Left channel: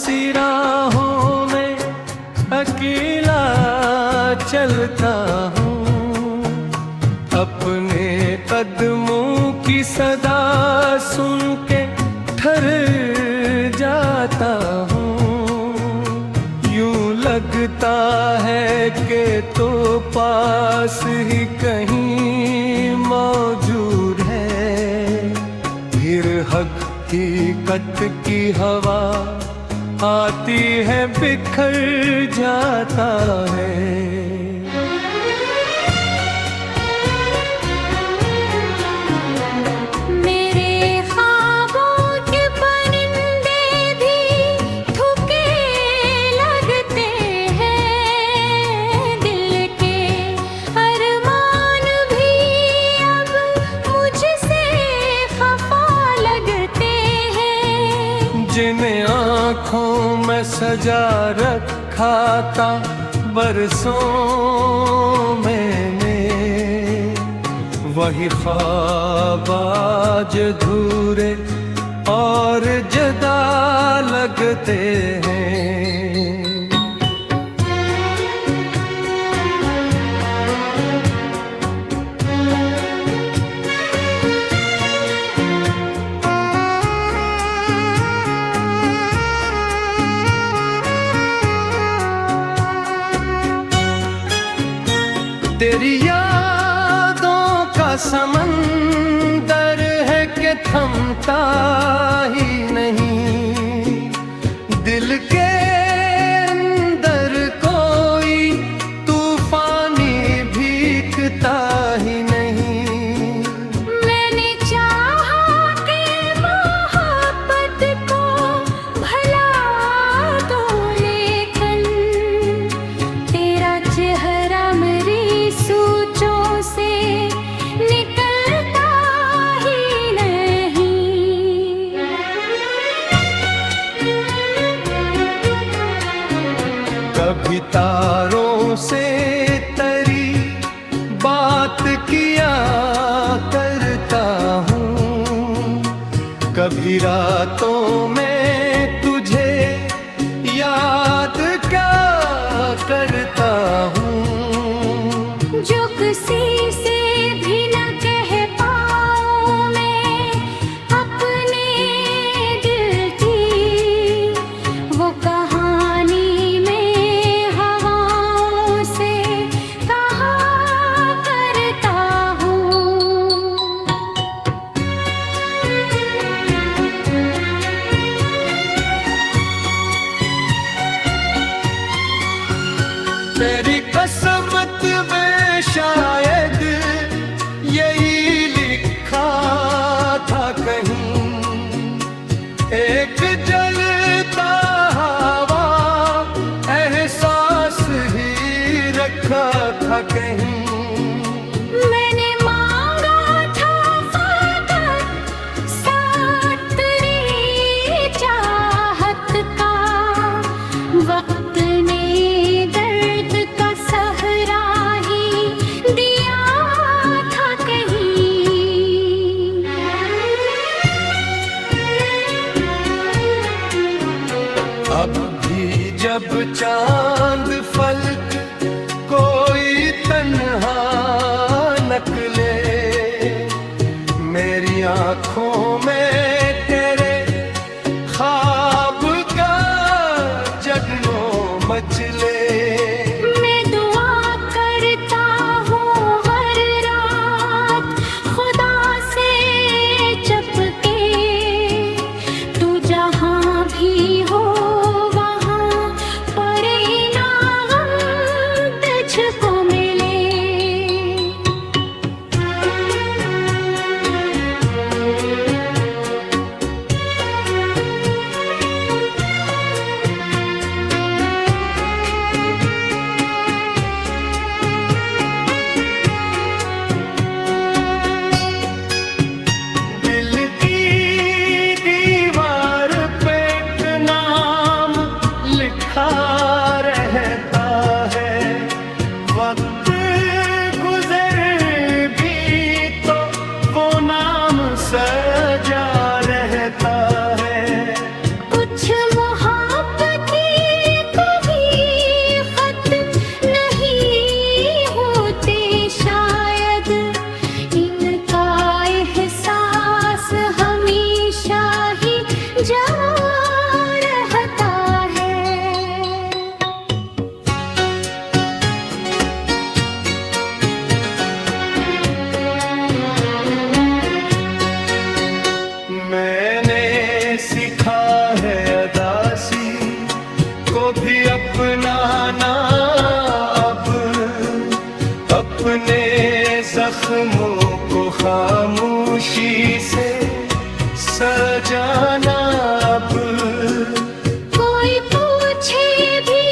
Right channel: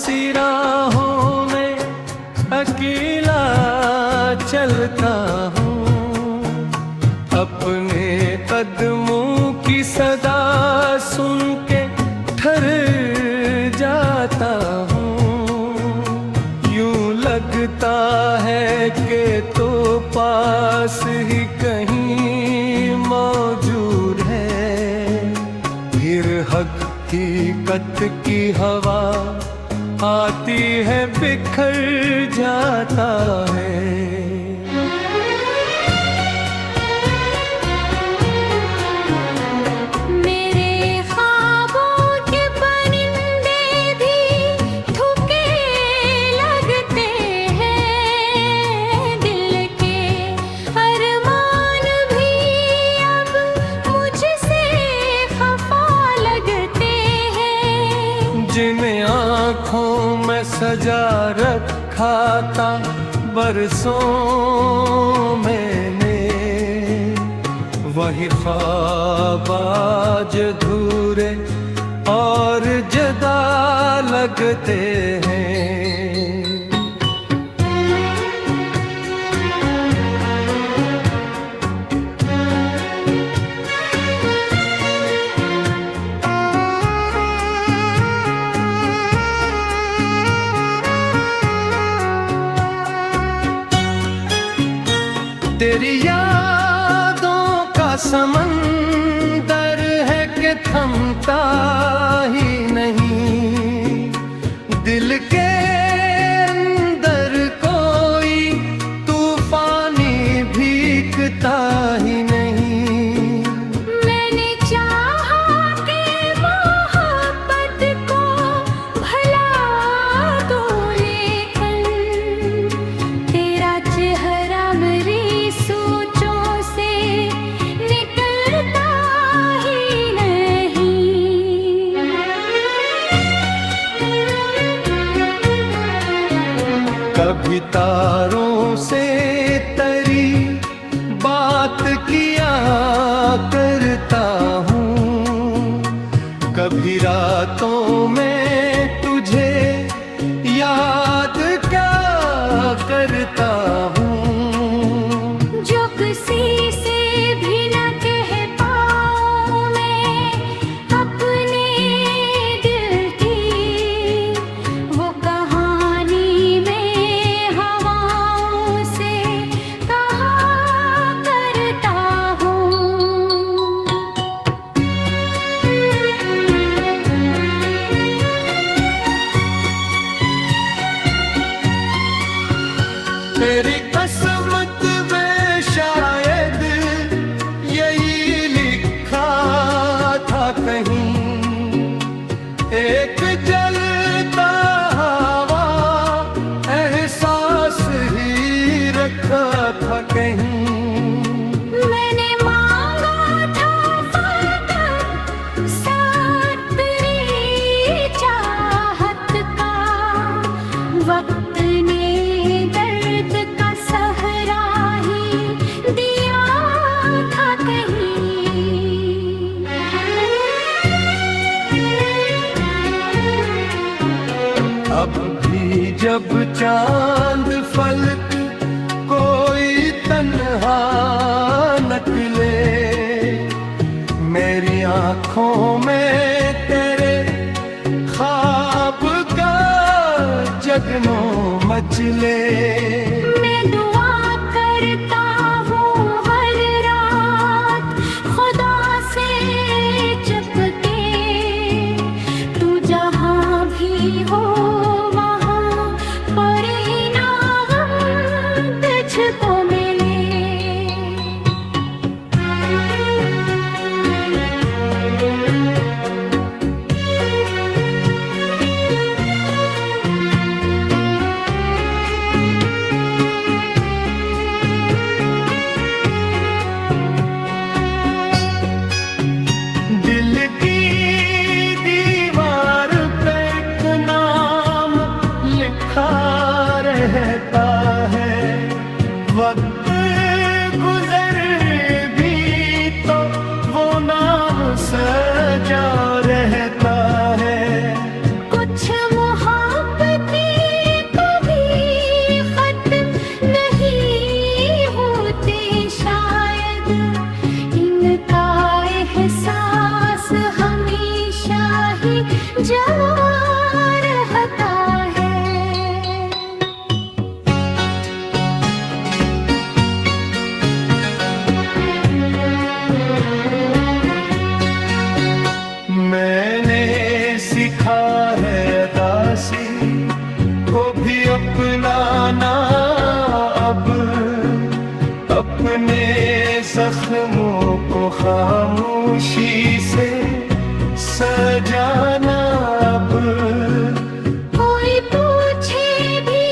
सी राहों में अकेला चलता हूँ, अपने कदमों की सदा सुन के ठहर जाता हूँ। यूं लगता है कि तो पास ही कहीं मौजूद है, फिर हकीकत की हवा आती है बिखर जाता है। जिन्हें आँखों में सजा रखा था बरसों मैंने, वही ख्वाब आज अधूरे और जुदा लगते हैं। तेरी यादों का समंदर है कि थमता ही नहीं, दिल के अंदर कोई तूफानी भीगता ही नहीं। मैंने चाहा कि मोहब्बत को भला तो, लेकिन तेरा चेहरा मेरी सोचों से निकलता ही नहीं। कभी तारों से तेरी बात किया करता हूँ, कभी रातों में तुझे याद क्या करता हूँ। जो किसी से भी न कह पाऊं मैं अपने दिल की, वो कहानी में हवाओं से कहा करता हूँ। तेरी कसमत में शायद यही लिखा था कहीं, एक जलता हवा एहसास ही रखा था कहीं। मैंने मांगा था फकत साथ तेरी चाहत का, वक्त ने दर्द का सहरा ही दिया था कहीं। अब भी जब चांद फलक कोई तन्हा नकले, मेरी आँखों में तेरे ख्वाब का जगनो मचले। मैं दुआ करता हूँ हर रात खुदा से चपके, तू जहाँ भी हो वहाँ परिणाम तुझको मिले। जख्मों को खामोशी से सजाना अब। कोई पूछे भी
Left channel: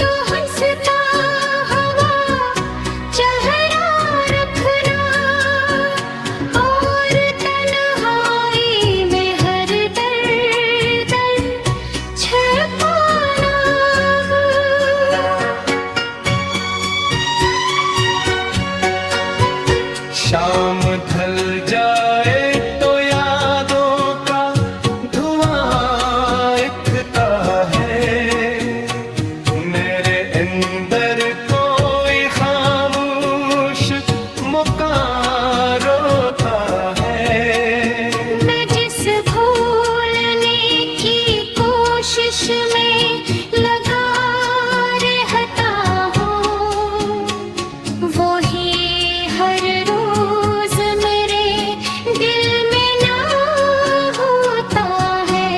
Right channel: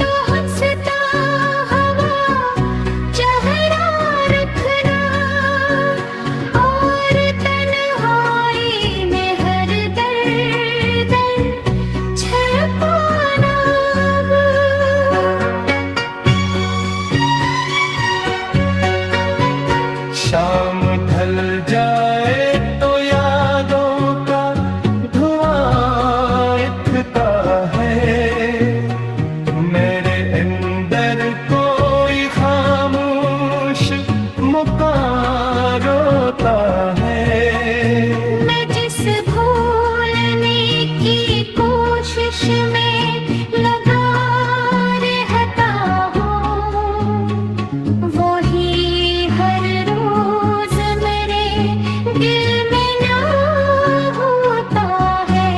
तो हंसता हुआ चेहरा रखना, और तन्हाई में हर दर्द छिपाना अब। शाम ढल जाए तो यादों का धुआं उठता है, मेरे अंदर कोई खामोश मुकारोता है। मैं जिस भूलने की कोशिश में लगा रहता हूँ, वही हर रोज मेरे दिल में ना होता है।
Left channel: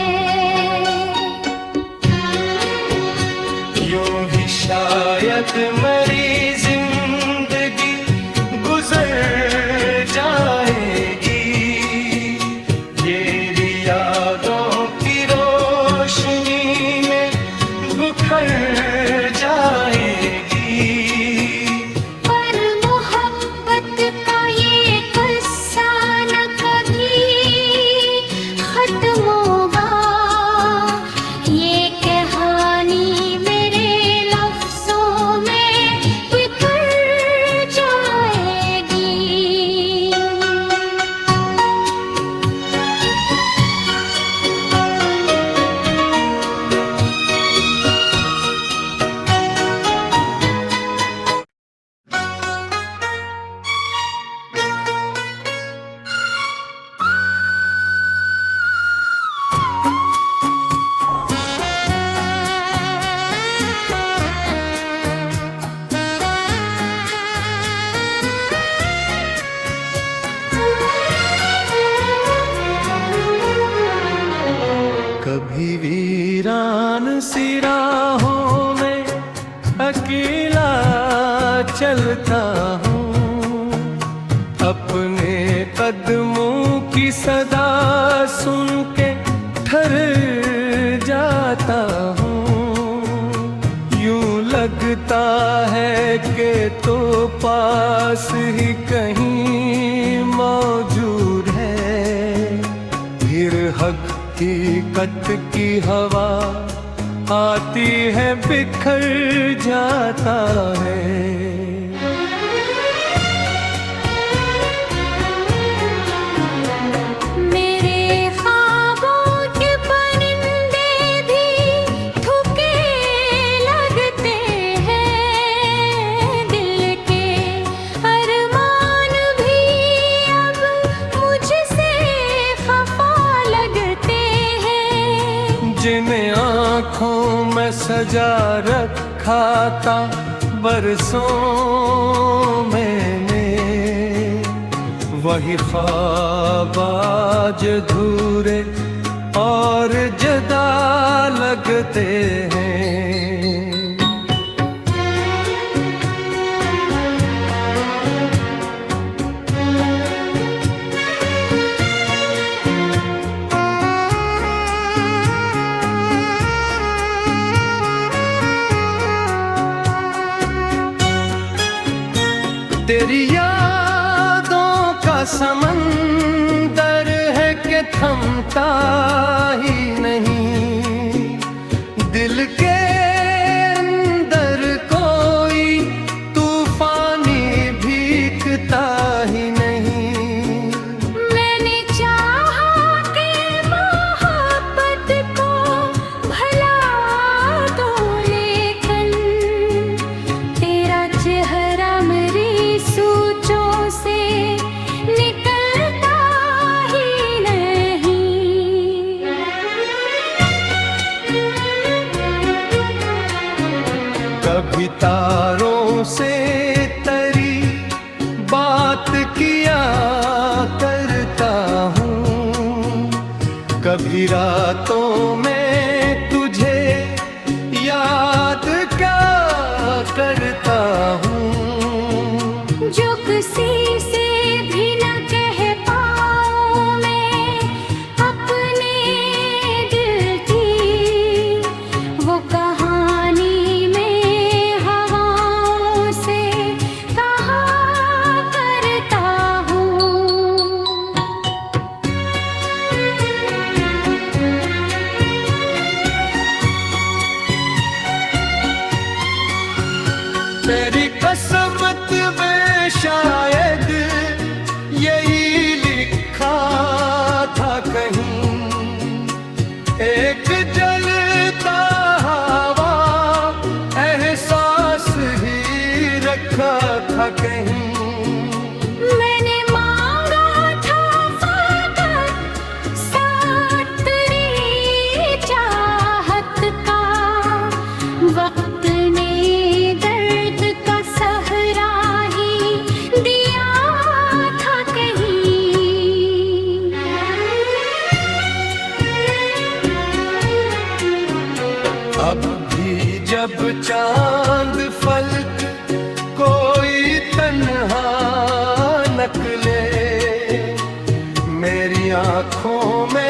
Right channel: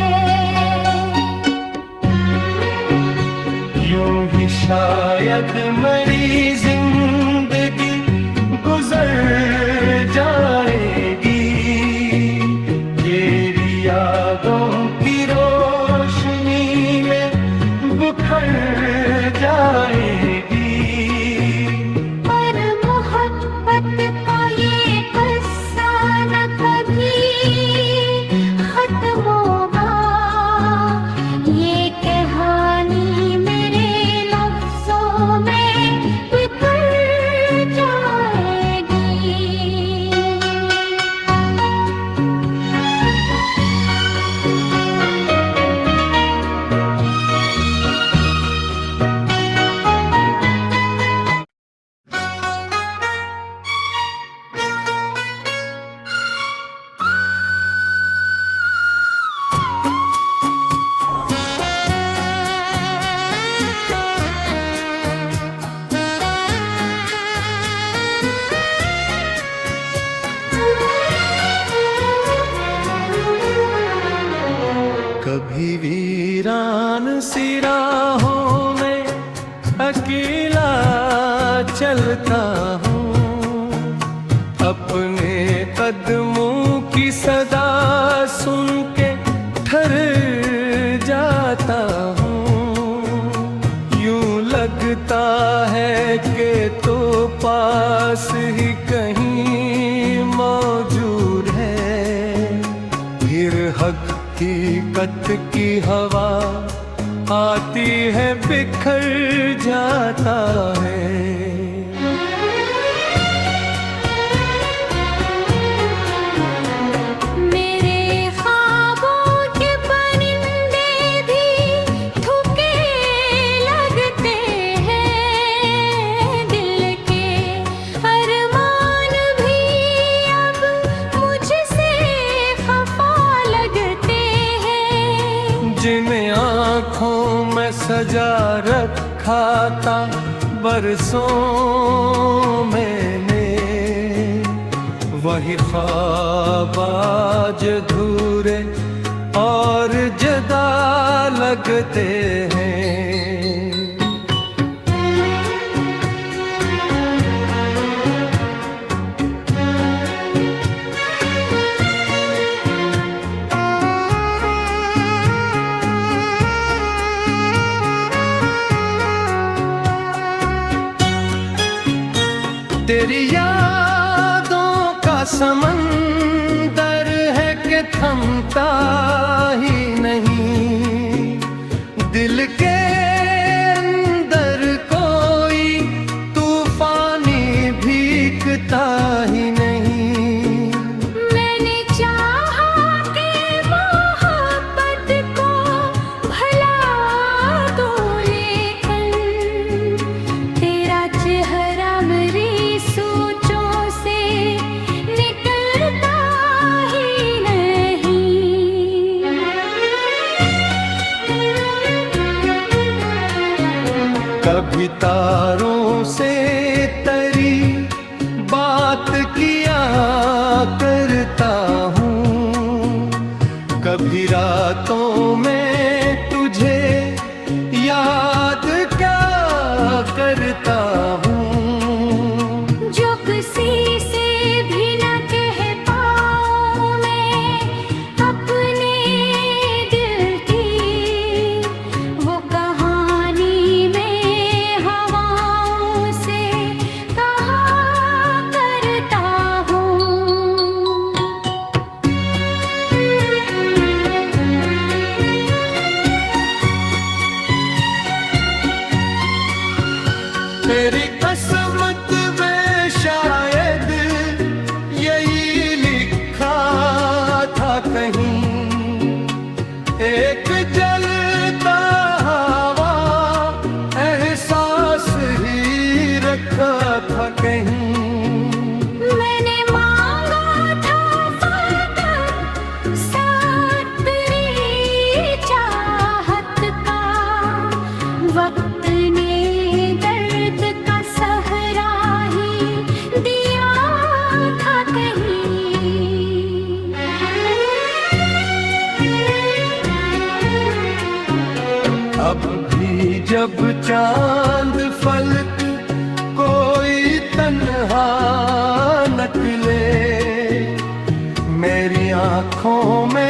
यूं ही शायद मरी जिंदगी गुजर जाएगी, ये यादों की रोशनी में बुखर जाएगी। पर मोहब्बत का ये किस्सा न कभी खत्म होगा, ये कहानी मेरे लफ्जों में बिखर जाएगी। कभी वीरान सी राहों में अकेला चलता हूँ, अपने कदमों की सदा सुन के ठहर जाता हूँ। यूं लगता है कि तो पास ही कहीं मौजूद है, फिर हकीकत की हवा आती है बिखर जाता है। मेरे ख्वाबों के परिंदे भी थके लगते हैं, दिल के अरमान भी अब मुझसे खफा लगते हैं। जिन आँखों में सजा रखा था बरसों मैंने, वही ख्वाब आज अधूरे और जुदा लगते हैं। तेरी यादों का समंदर है कि थमता ही नहीं, दिल के अंदर कोई तूफानी भीगता ही नहीं। मैंने चाहा कि मोहब्बत को भला तो, लेकिन तेरा चेहरा मेरी सोचों से निकलता ही नहीं। कभी तारों से तेरी बात किया करता हूँ, कभी रातों में तुझे याद क्या करता हूँ। जो किसी मेरी किस्मत में शायद यही लिखा था कहीं, एक जलता हवा एहसास ही रखा था कहीं। मैंने मांगा था फकत साथ तेरी चाहत का, वक्त ने दर्द का सहरा ही दिया था कहीं। अब भी जब चांद फलक कोई तन्हा नकले, मेरी आँखों में